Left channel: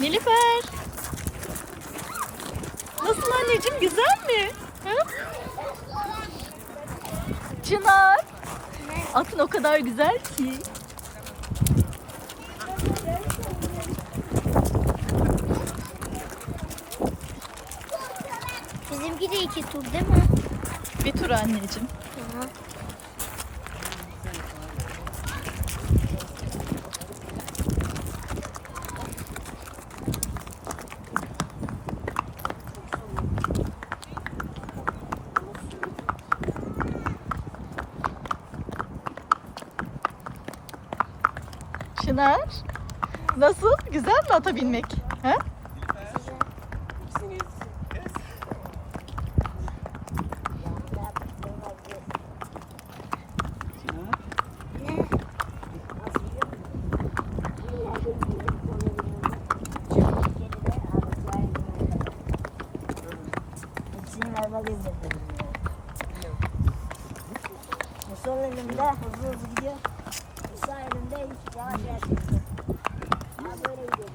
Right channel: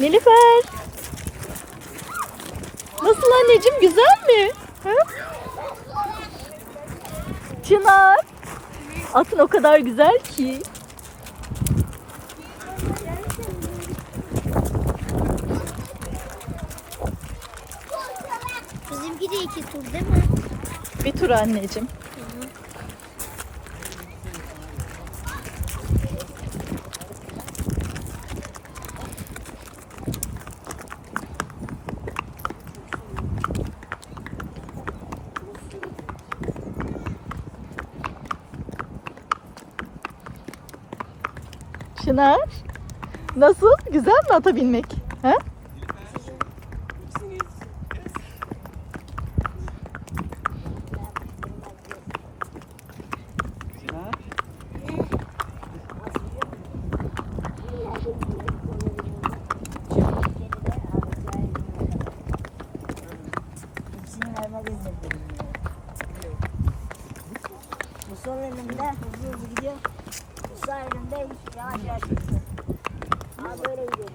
Nilüfer. Nasıl anneciğim güzel mi? Ha? Çınar. Atın o kadar güzel ki. Bizimki de iki tur değil mi? Bir tur anneciğim. Çınar. Nasıl? Güzel mi ata binmek? Ha? Hızlı hızlı gidiyor. Sağ elimde yavaş yavaş. Abi böyle gidiyorum.